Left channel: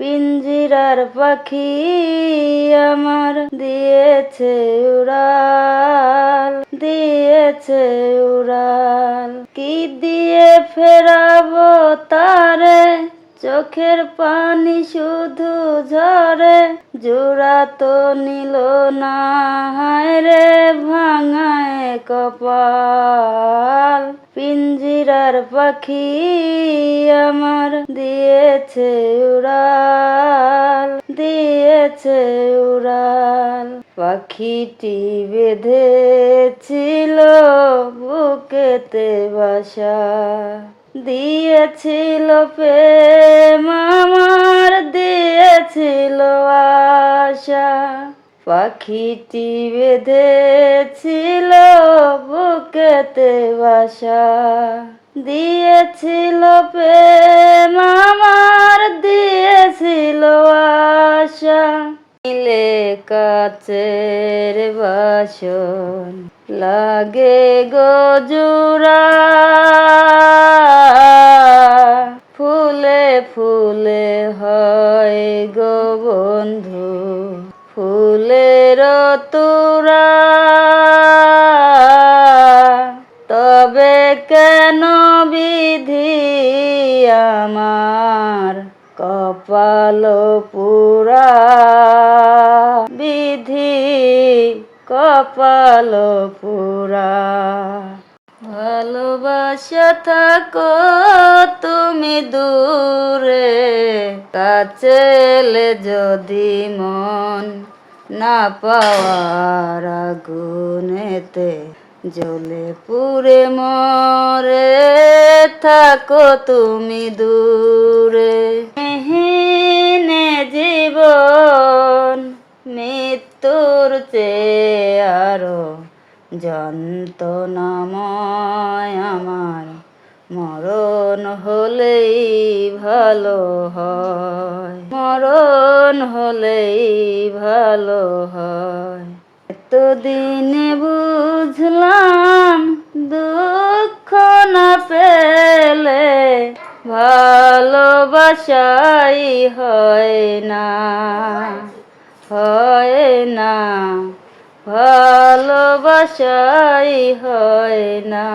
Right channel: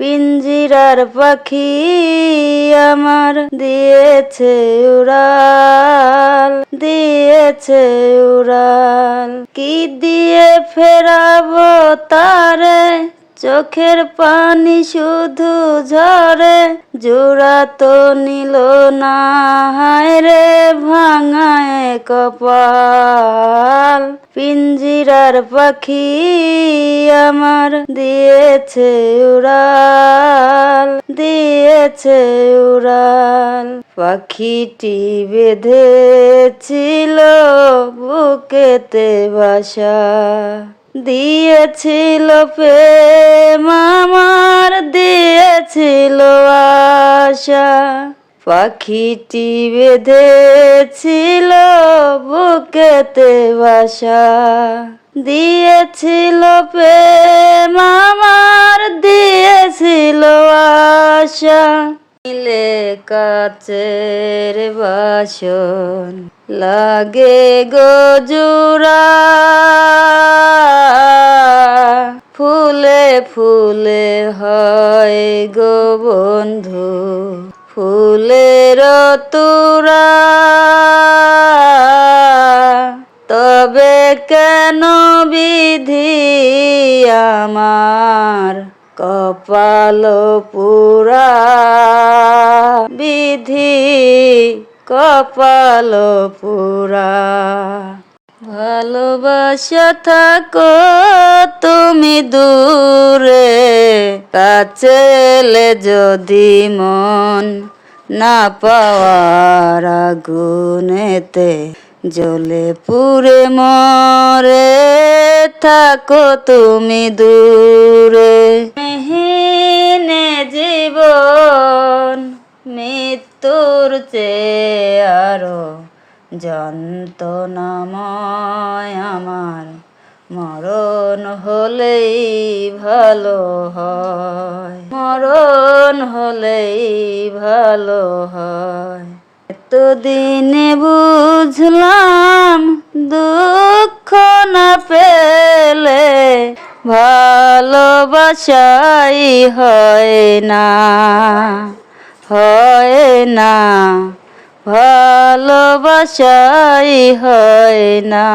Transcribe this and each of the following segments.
পিঞ্জিরার পাখি আমার দিয়েছে উড়াল, দিয়েছে উড়াল। কি দিয়ে ফেরাবো তারে, চোখের পানি শুধু ঝরে। জোড়া তো নিল না, হায় রে ভাঙায় কপাল। পিঞ্জিরার পাখি আমার দিয়েছে উড়াল, দিয়েছে উড়াল। পাখিটি বেঁধেছিল বুকেতে বাসা, দিয়েছিল প্রেম আমার, দিয়েছিল আশা। পাখিটি বেঁধেছিল বুকেতে বাসা, দিয়েছিল প্রেম আমার, দিয়েছিল আশা। নীলে কাচের বাসন লাগে গো জোড়া, ফুলে ফুলে হয় গো বন্ধু ফুলের তোড়া। তবে কেন বিধি আমার কপাল পুরা, বিধি কপাল পুরা। ভালোবাসা থাকো তুমি দূরে, কাছেলে যদি মন না পাওয়ার আগুনেতে জ্বলে পুড়ে মরে। থাকো তুমি দূরে। মেহিনে জীবন মৃত্যুর চেয়ে আরো যন্ত্রণাময় আমার, মরণ হলেই ভালো হয়, মরণ হলেই ভালো হয়। এতদিনে বুঝলাম দুঃখ না পেলে ভালোবাসাই হয় না, হয় না, ভালোবাসাই হয় না।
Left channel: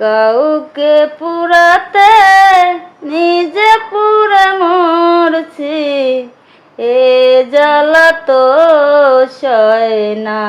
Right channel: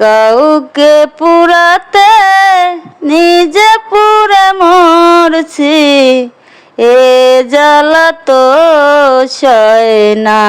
কাউকে পুরাতে নিজে পুরে মরছি, এ জ্বালা তো সয় না।